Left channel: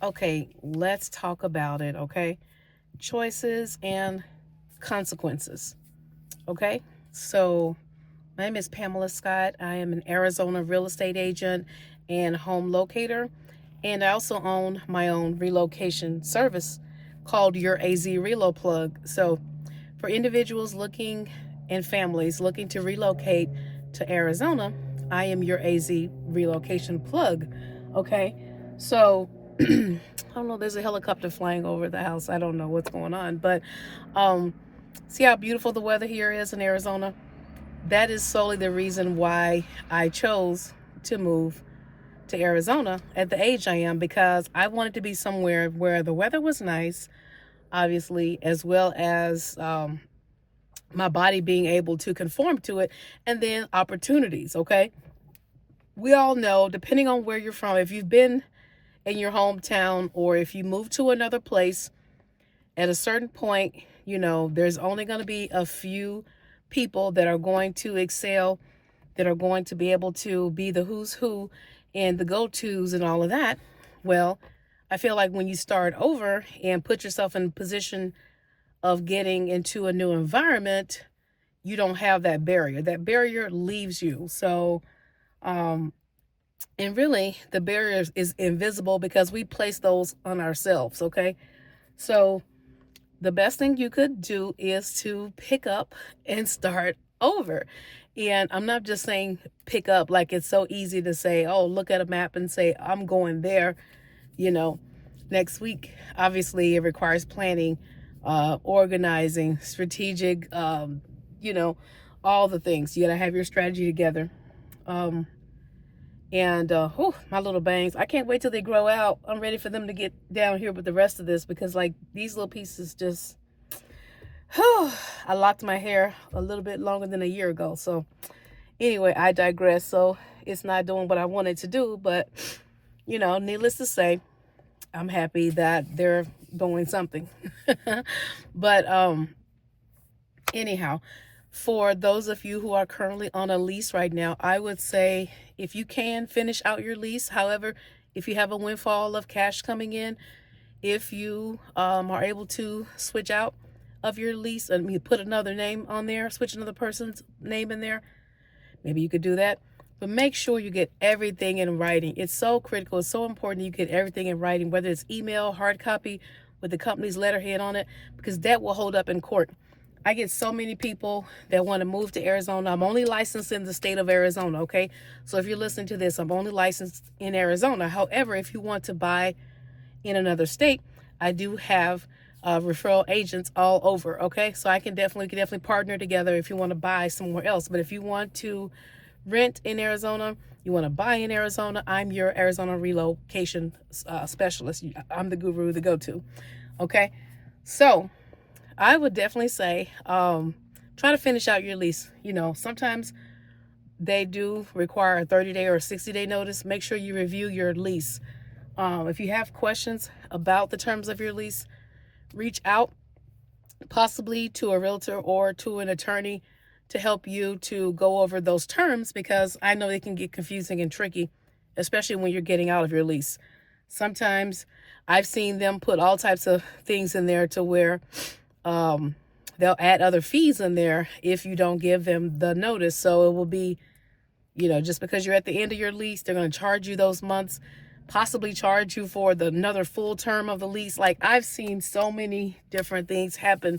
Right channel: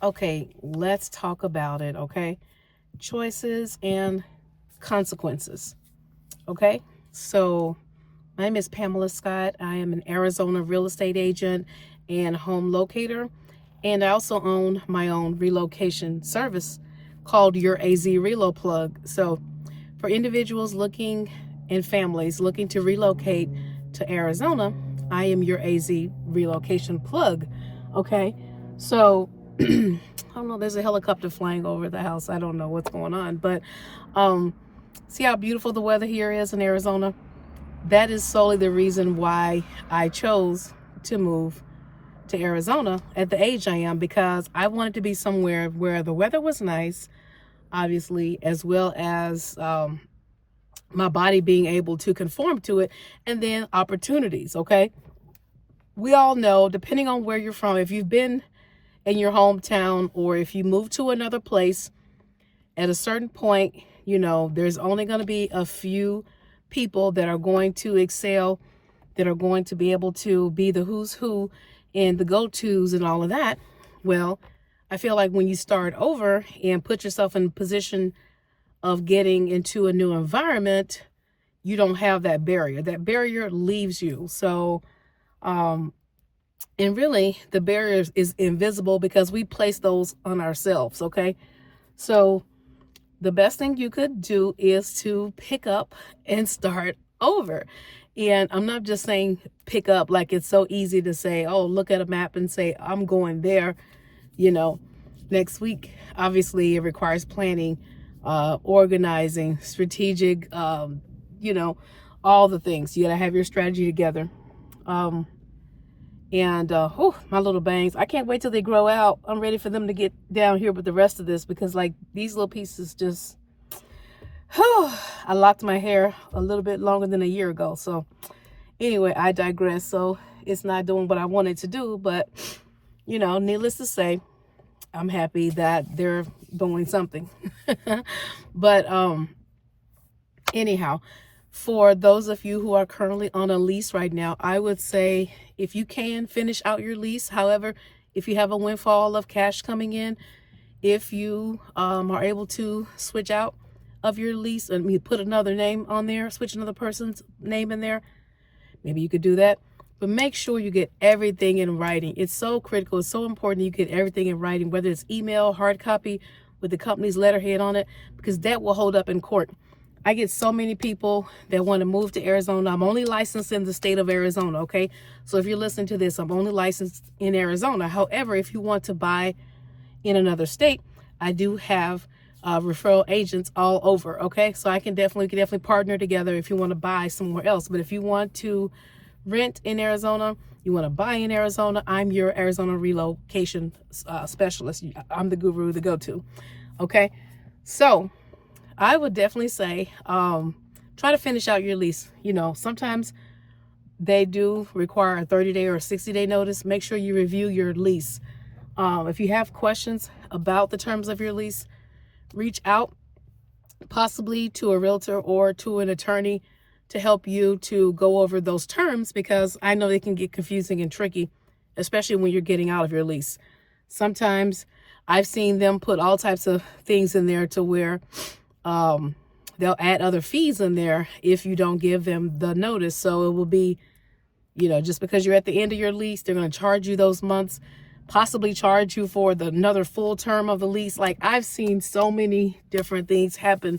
Okay, let's talk about it, okay? Choices and consequences, okay? So, my name is Pamela Scott. I am an Arizona real estate agent and home locator, and I also own my own relocation service called Your AZ Relo Plug. So, for individuals looking and families looking to relocate to Arizona, I am your AZ relocation plug. Okay. So I don't know, there's a helicopter flying over the house. I don't know what's going on, but um see how beautiful the weather here is in Arizona? That is solely the reason why I chose to move to Arizona at the age I am, because I wanted to be somewhere where the weather was nice, obviously, as well as my body being able to conform to it, and then opportunities. Okay, we all know, depending on where you're from, if you've been in your hometown or if you move to another place, at a certain point, there's only going to be a few people that are going to excel, that are going to be able to be the who's who and the go-tos and all of that. Well, I feel like when you start over and put yourself in a position of getting into a new environment, you don't have that barrier. That barrier leaves you. So, and really, the barrier is invisible because we place those on ourselves. Okay. So, the best thing you could do is to pick up and start over. And I'm not just saying pick up like it's so easy to say, oh, look at a map and say, I'm going there, you know, next week. Obviously, it requires planning, organizing, strategic, all the things. You got to have your strategy together. Um, my little bangs, I can't wait till they grow out. I'm ready for them to get down here with the rest of this, because like these little pieces just, I locked my hair a little bit longer than a year ago. So anyway, I digress. So it's not doing what I wanted to do, but needless to say, I'm happy that they're doing something. But anyhow, for those of you who are currently on a lease right now, I would say if you can finish out your lease. However, if you have a windfall of cash coming in, if you are able to switch out of your lease and you put another name on there, switch another person's name in there, maybe you could do that. But make sure you get everything in writing. It's so critical. It's so important you get everything in writing, whether it's email, hard copy with the company's letterhead on it, because that will hold up in court. I get so many people that want to move to Arizona. I'm only licensed in the state of Arizona, okay? So if you're listening to this, I'm only licensed in Arizona. However, if you want to buy in another state, I do have referral agents all over, okay? So we can definitely partner together if you want to buy somewhere else. But if you want to rent in Arizona, you want to buy in Arizona, I'm your Arizona relocation specialist. I'm the guru, the go-to, okay? So I would definitely say try to finish out your lease. Sometimes they do require a 30-day or a 60-day notice. Make sure you review your lease. If you have questions about the terms of your lease, reach out possibly to a realtor or to an attorney to help you to go over those terms, because I know they can get confusing and tricky, especially when you're getting out of your lease. Sometimes I've seen them put all types of things in there to where they'll add other fees in there if you don't give them the notice. So it will be, just because you're at the end of your lease, they're going to charge you those months, possibly charge you for another full term of the lease. Like, I've seen so many different things happen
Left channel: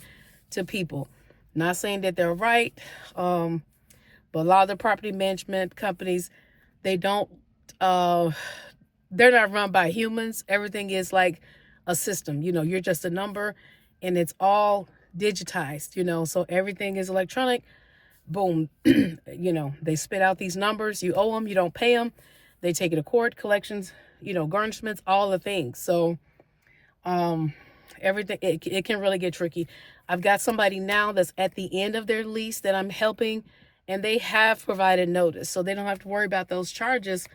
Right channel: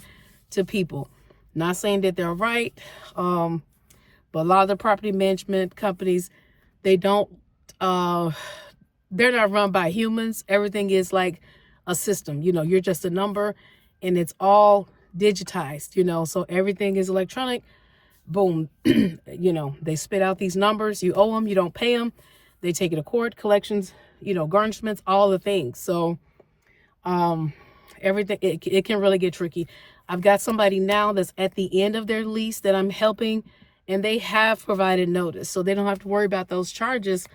to people. Not saying that they're right, but a lot of the property management companies, they don't, they're not run by humans. Everything is like a system. You're just a number, and it's all digitized, so everything is electronic. Boom. They spit out these numbers. You owe them, you don't pay them. They take it to court, collections, garnishments, all the things. So everything, it can really get tricky. I've got somebody now that's at the end of their lease that I'm helping, and they have provided notice, so they don't have to worry about those charges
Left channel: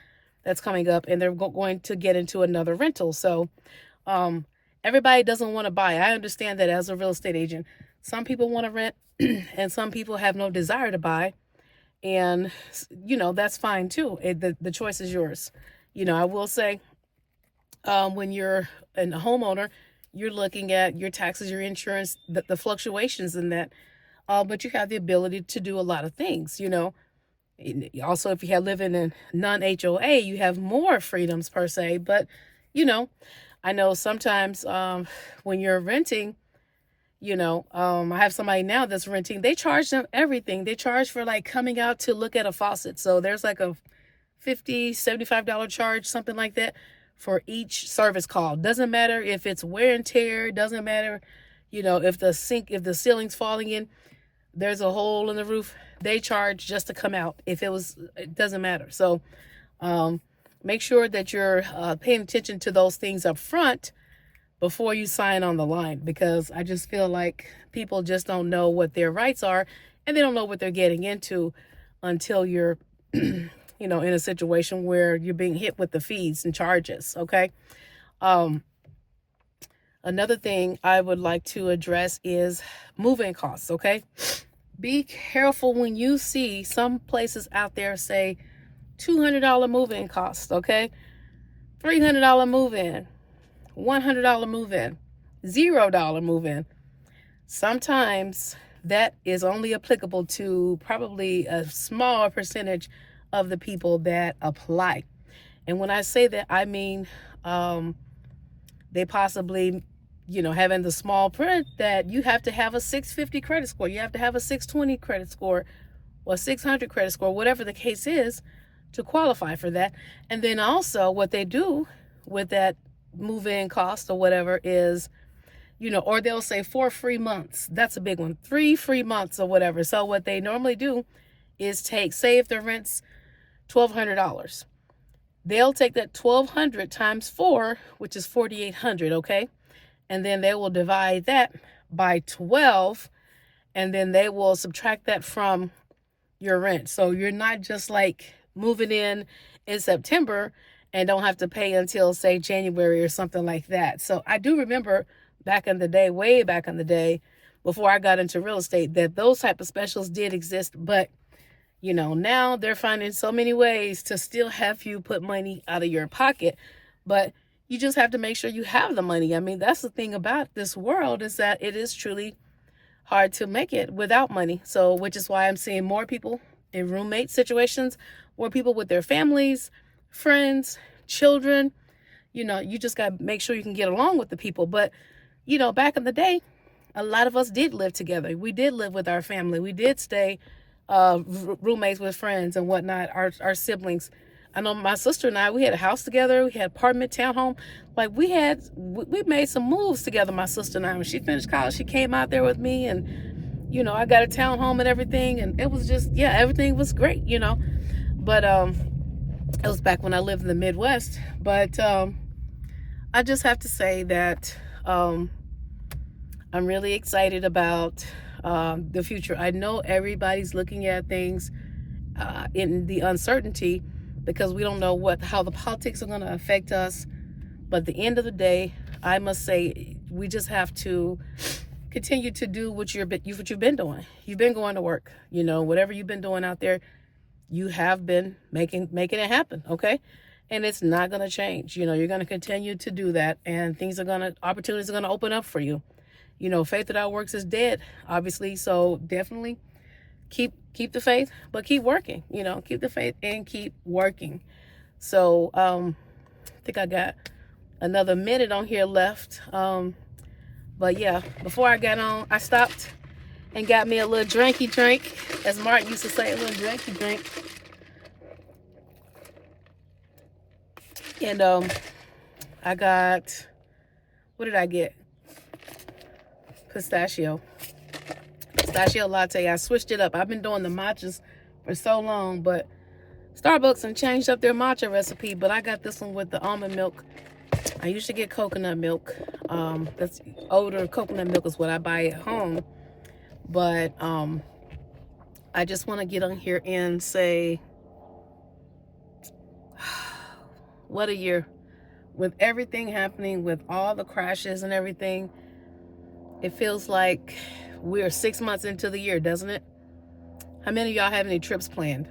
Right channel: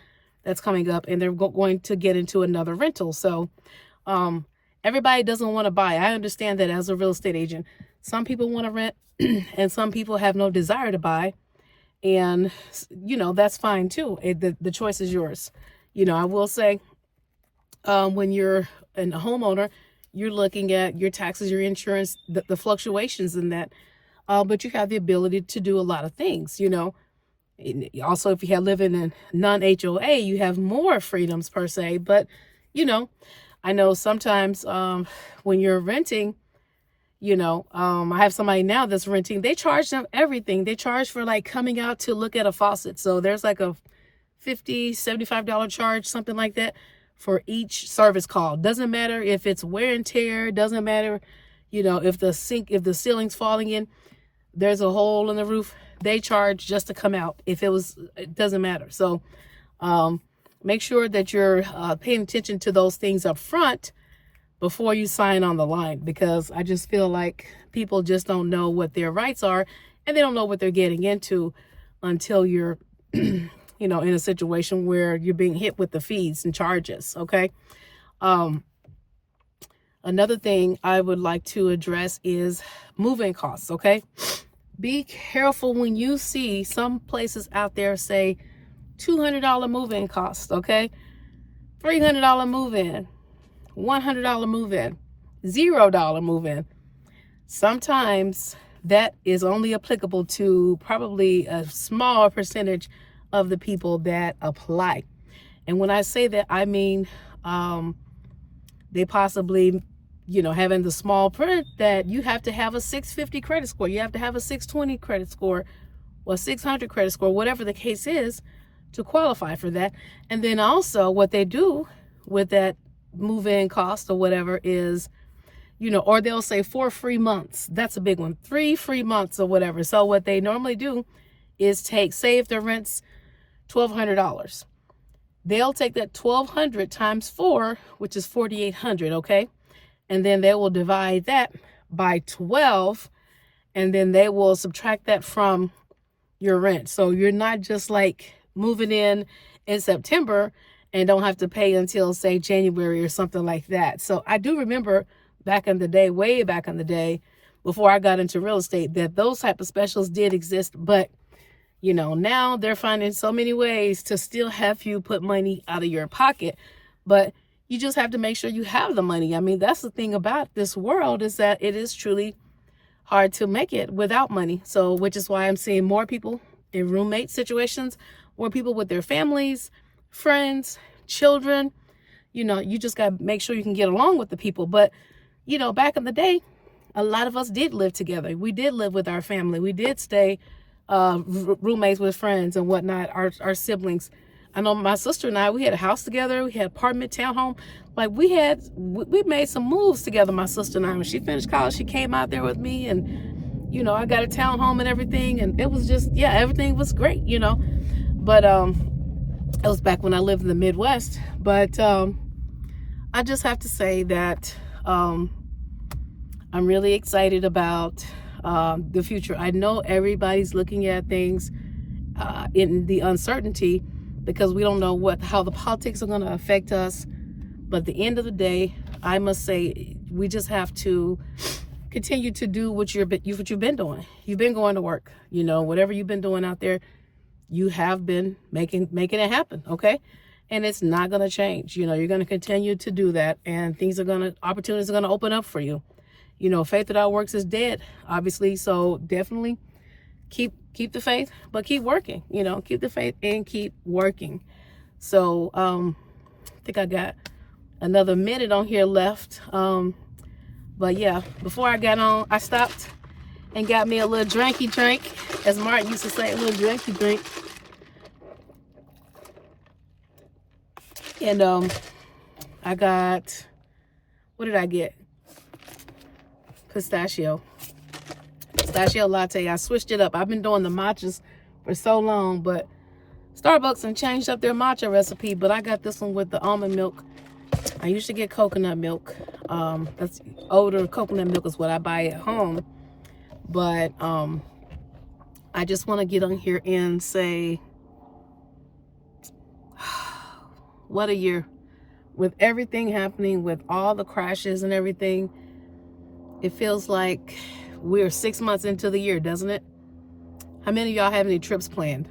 that's coming up, and they're going to get into another rental. So everybody doesn't want to buy. I understand that as a real estate agent. Some people want to rent and some people have no desire to buy. And, that's fine too. The choice is yours. I will say, When you're a homeowner, you're looking at your taxes, your insurance, the fluctuations in that. But you have the ability to do a lot of things, you know. Also, if you have living in non-HOA, you have more freedoms per se. But, you know, I know sometimes when you're renting, I have somebody now that's renting. They charge them everything. They charge for like coming out to look at a faucet. So there's like a $50, $75 charge, something like that, for each service call. Doesn't matter if it's wear and tear. Doesn't matter, if the ceiling's falling in, there's a hole in the roof. They charge just to come out. It doesn't matter. So make sure that you're paying attention to those things up front before you sign on the line, because I just feel like people just don't know what their rights are, and they don't know what they're getting into until you're, in a situation where you're being hit with the fees and charges. Okay. Another thing I would like to address is moving costs. Okay. Be careful when you see some places out there say $200 move-in cost. Okay. $300 move-in. $100 move-in, $0 move-in. Sometimes that is only applicable to probably a small percentage of the people that apply. And when I say that, I mean they possibly, having the small print that you have to have a 650 credit score, you have to have a 620 credit score or 600 credit score, whatever the case is, to qualify for that. And then also what they do with that move-in cost or whatever is, or they'll say 4 free months. That's a big one. 3 free months or whatever. So what they normally do is say if the rent's $1,200, they'll take that $1,200 times 4, which is $4,800. Okay. And then they will divide that by 12, and then they will subtract that from your rent. So you're not just like moving in September and don't have to pay until, say, January or something like that. So I do remember back in the day, way back in the day, before I got into real estate, that those type of specials did exist. But, now they're finding so many ways to still have you put money out of your pocket. But you just have to make sure you have the money. I mean, that's the thing about this world, is that it is truly hard to make it without money. So, which is why I'm seeing more people in roommate situations, more people with their families, friends, children. You just got to make sure you can get along with the people. But, back in the day, a lot of us did live together. We did live with our family. We did stay roommates with friends and whatnot, our siblings. I know my sister and I, we had a house together. We had apartment, townhome. Like we made some moves together, my sister and I. When she finished college, she came out there with me, and, I got a townhome and everything. And it was just, everything was great, But it was back when I lived in the Midwest. But I just have to say that I'm really excited about the future. I know everybody's looking at things in the uncertainty, because we don't know how the politics are going to affect us. But at the end of the day, I must say, we just have to continue to do what you've been doing. You've been going to work, whatever you've been doing out there, you have been making it happen. Okay. And it's not going to change. You're going to continue to do that, and opportunities are going to open up for you. Faith without works is dead, obviously. So definitely keep the faith, but keep working, keep the faith and keep working. So, I think I got another minute on here left. But yeah, before I got on, I stopped and got me a little drinky drink, as Martin used to say, a little drinky drink. And, I got, what did I get? Pistachio latte. I switched it up. I've been doing the matchas for so long, but Starbucks and changed up their matcha recipe, but I got this one with the almond milk. I usually get coconut milk. That's older coconut milk is what I buy at home. But I just want to get on here and say, what a year. With everything happening, with all the crashes and everything, it feels like we're 6 months into the year, doesn't it? How many of y'all have any trips planned?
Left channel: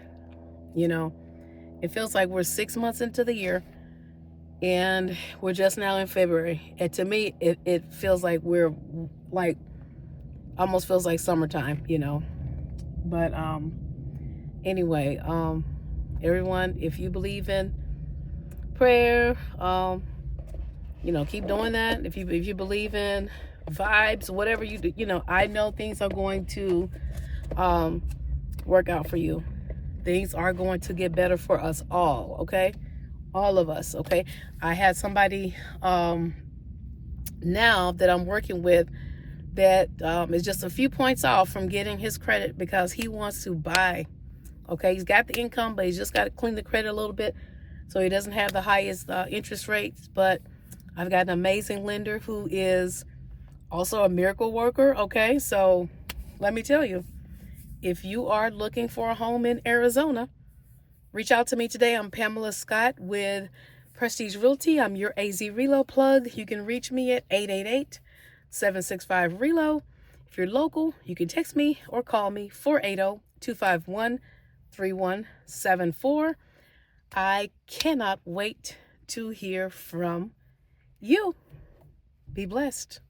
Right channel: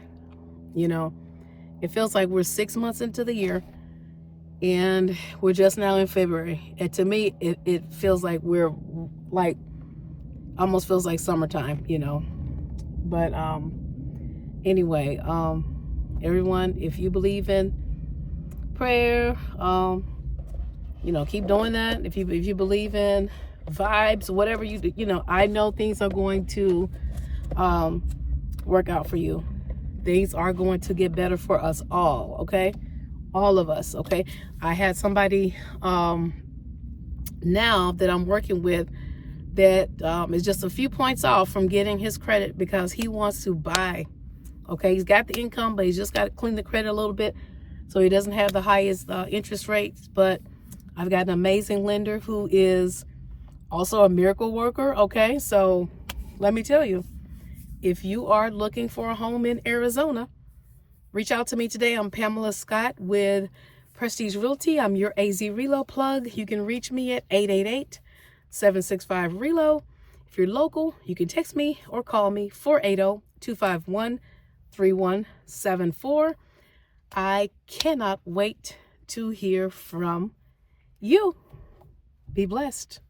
It feels like we're 6 months into the year, and we're just now in February. And to me, it feels like we're like, almost feels like summertime, you know. But anyway, everyone, if you believe in prayer, you know, keep doing that. If you believe in vibes, whatever you do, you know, I know things are going to work out for you. Things are going to get better for us all, okay? All of us, okay? I had somebody now that I'm working with that is just a few points off from getting his credit because he wants to buy, okay? He's got the income, but he's just got to clean the credit a little bit so he doesn't have the highest interest rates. But I've got an amazing lender who is also a miracle worker, okay? So let me tell you, if you are looking for a home in Arizona, reach out to me today. I'm Pamela Scott with Prestige Realty. I'm your AZ Relo plug. You can reach me at 888-765-RELO. If you're local, you can text me or call me 480-251-3174. I cannot wait to hear from you. Be blessed.